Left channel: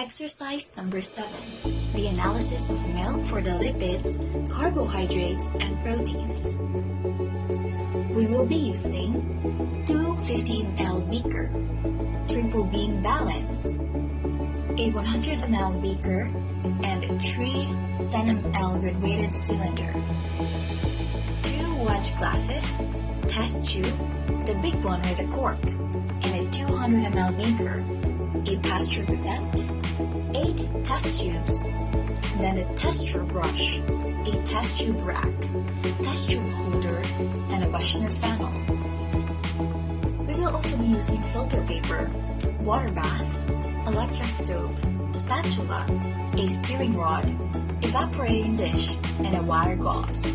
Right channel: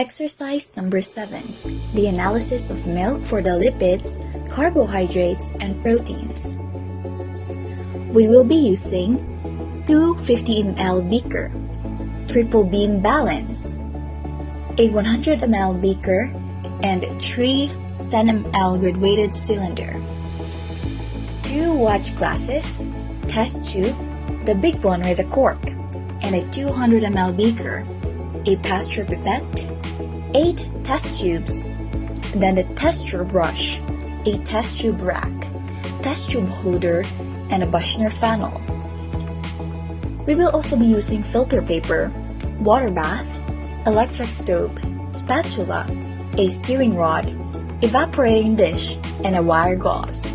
Exercise number 7. The analysis of milk for the lipids, carbohydrates, and proteins. We will be using 2 50 ml beaker, triple beam balance, a 100 ml beaker, and 3 10 ml graduated cylinder, 2 watch glasses, test tube, the big one with a cork, and a 200 ml beaker, a pasture pipette, 8 test tubes, then the test tube brush, a test tube rack, test tube holder, and a Buchner funnel. We will also be using filter paper, water bath, electric stove, spatula, a steering rod, evaporating dish, and a wire gauze.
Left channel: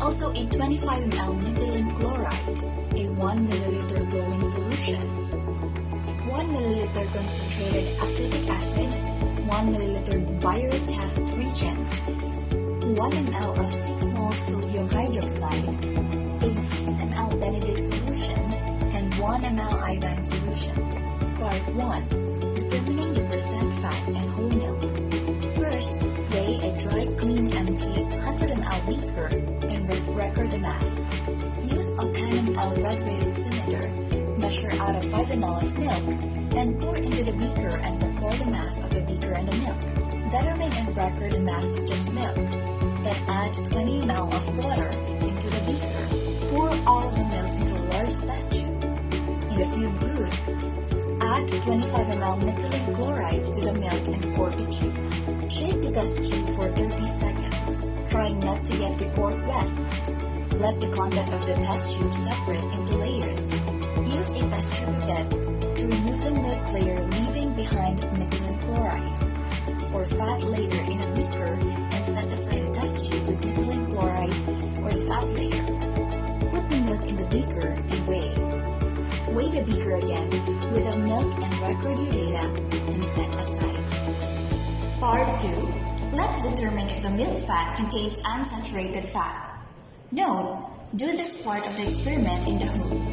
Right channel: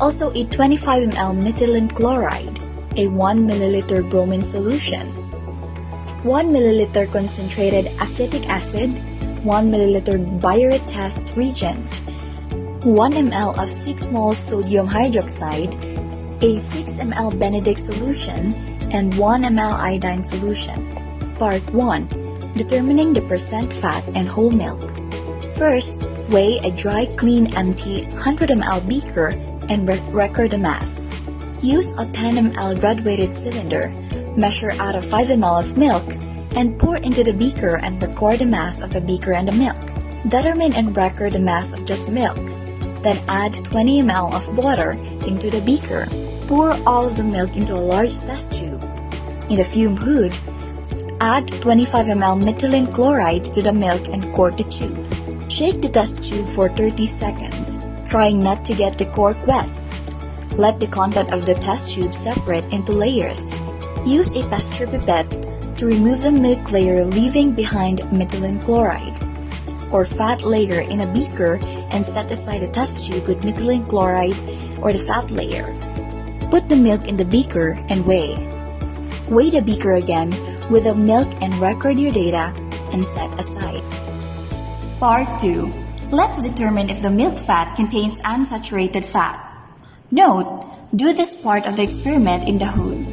Also a 25 ml methylene chloride, a 1 ml bromine solution, 1 ml concentrated acetic acid, 1 ml bioretest reagent, 1 ml of 6 mol sodium hydroxide, a 6 ml Benedict solution, and 1 ml iodine solution. Part 1. Determining the percent fat and whole milk. First, weigh a dry, clean, empty 100 ml beaker and record the mass. Use a 10 ml graduated cylinder, measure out of 5 ml of milk, and pour into the beaker and record the mass of the beaker and the milk. Determine and record the mass of just milk. Then add 20 ml of water into the beaker. Pour all of the milk into a large test tube. In the fume hood, add 25 ml methylene chloride to the milk and cork the tube. Shake the test tube for 30 seconds, trying not to get the cork wet. Let the content of the test tube separate into layers. Use a pasture pipette to remove the milk layer, leaving behind methylene chloride or fat layer in a beaker, and set aside the test tube with methylene chloride or the fat layer. Put the milk in the beaker and weigh. Weigh the beaker again with the milk and record your data and set aside. Part 2. Let's determine if the milk fat contains unsaturated fat. Note, do this part of the experiment in the hood.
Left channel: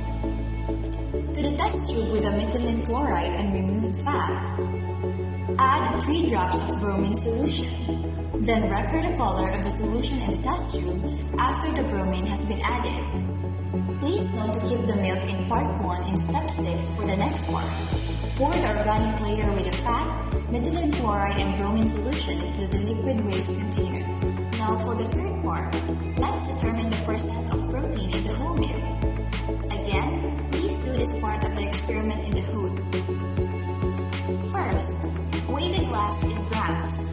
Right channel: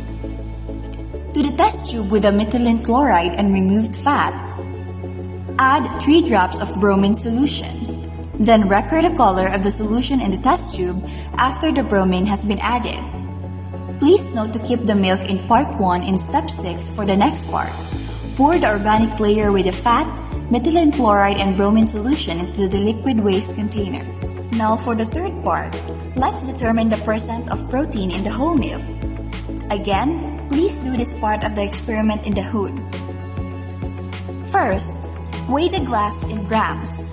To the test tube with the methylene chloride and removed fat, add 3 drops of bromine solution. Then record the color of the solution in the test tube after the bromine has been added. Please note to keep the milk in part 1 in step 6 for the next part. Pour the organic layer with the fat, methylene chloride, and bromine solution into the liquid waste container. Now for the third part, let's determine the percent of protein in the whole milk. Again, please do this part of the experiment in the hood. First, weigh the glass in grams.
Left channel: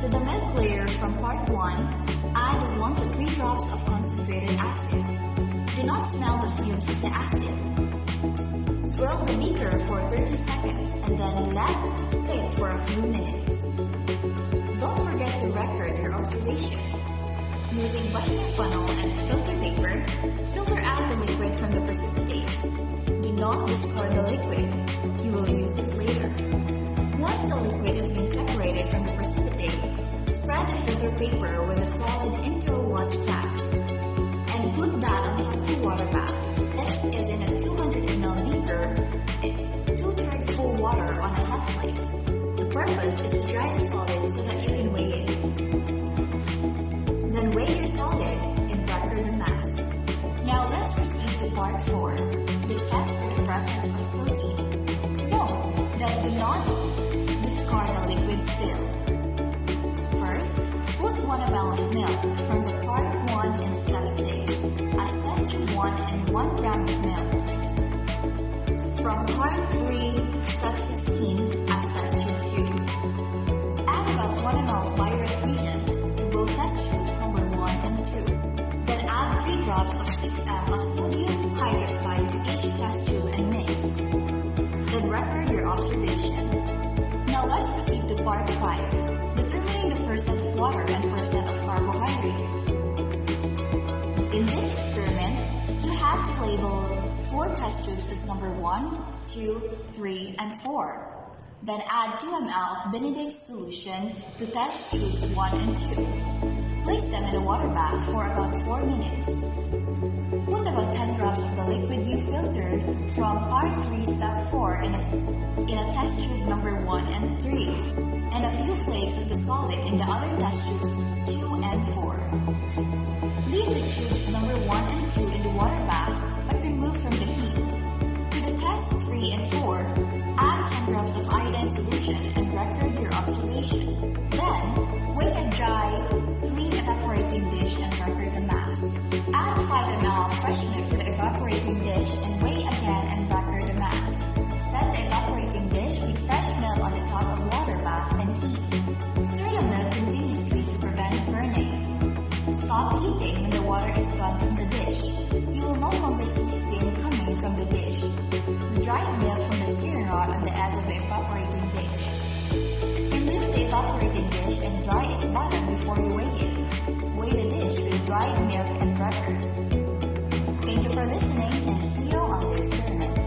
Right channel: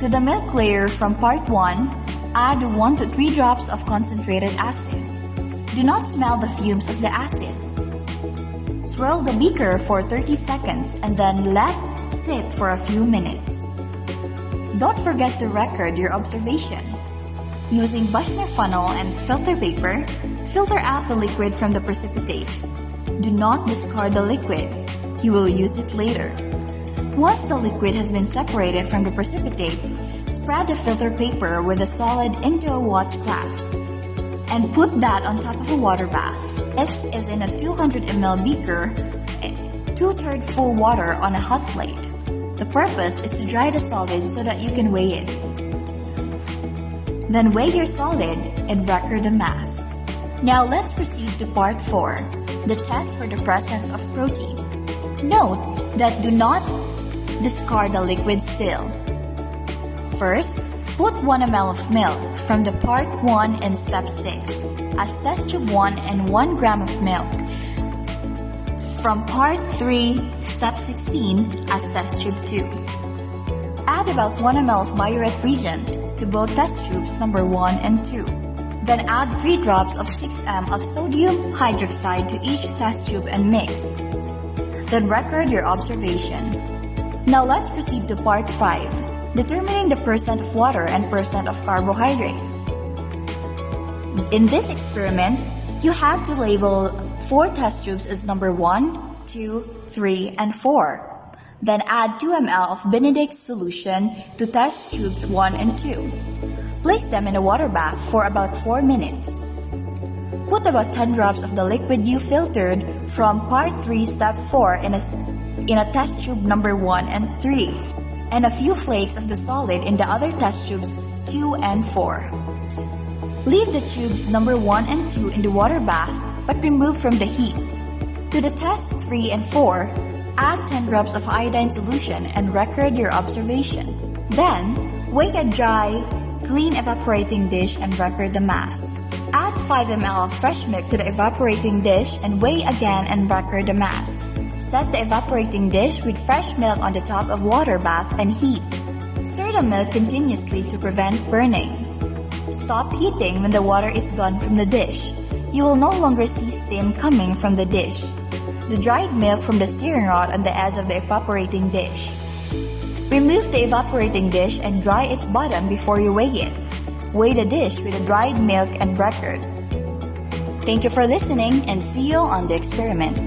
To the milk layer from part 1, add 1 to 3 drops of concentrated acid. Do not smell the fumes of the acid. Swirl the beaker for 30 seconds and then let sit for a few minutes. Don't forget to record your observation. Using Buchner funnel and filter paper, filter out the liquid from the precipitate. Do not discard the liquid. You will use it later. Once the liquid has been separated from the precipitate, spread the filter paper with the solid into a watch glass and put that on top of a water bath. This is in a 200 ml beaker, 2/3 full water on a hot plate. The purpose is to dry the solid so that you can weigh it. Then weigh your solid and record the mass. Now let's proceed to part 4, the test for the presence of protein. Note that do not discard the liquid still. First, put 1 ml of milk from the part 1 in step 6 as test tube 1 and 1 gram of milk from part 3, step 16 as test tube 2. Add about 1 ml of bioret reagent to both test tubes number 1 and 2. Then add 3 drops of 6 ml of sodium hydroxide to each test tube and mix. Then record your observation. Now let's proceed to part 5, determining the percent of water and percent of carbohydrates. In this experiment, you have to label 4 test tubes as number 1, 2, 3, and 4. Then add 2 ml of Benedict solution to test tubes 1 and 2. Place them in a water bath for about 4 minutes. Put about 10 drops of the liquid you filtered from part 3 step 4 in a test tube number 1 and 3, and a few flakes of the solid in the other test tubes 2 and 4. Leave the tubes number 1 and 2 in the water bath but remove from the heat. To the test 3 and 4, add 10 drops of iodine solution and record your observation. Then, weigh a dry, clean evaporating dish and record the mass. Add 5 ml of fresh milk to the evaporating dish and weigh again and record the mass. Set the evaporating dish with fresh milk on the top of water bath and heat. Stir the milk continuously to prevent burning. Stop heating when the water is gone from the dish. You will no longer see steam coming from the dish. The dried milk from the stirring rod on the edge of the evaporating dish. Remove the evaporating dish and dry its bottom before you weigh it. Weigh the dish with the dried milk and record. Thank you for listening and see you on the experiment.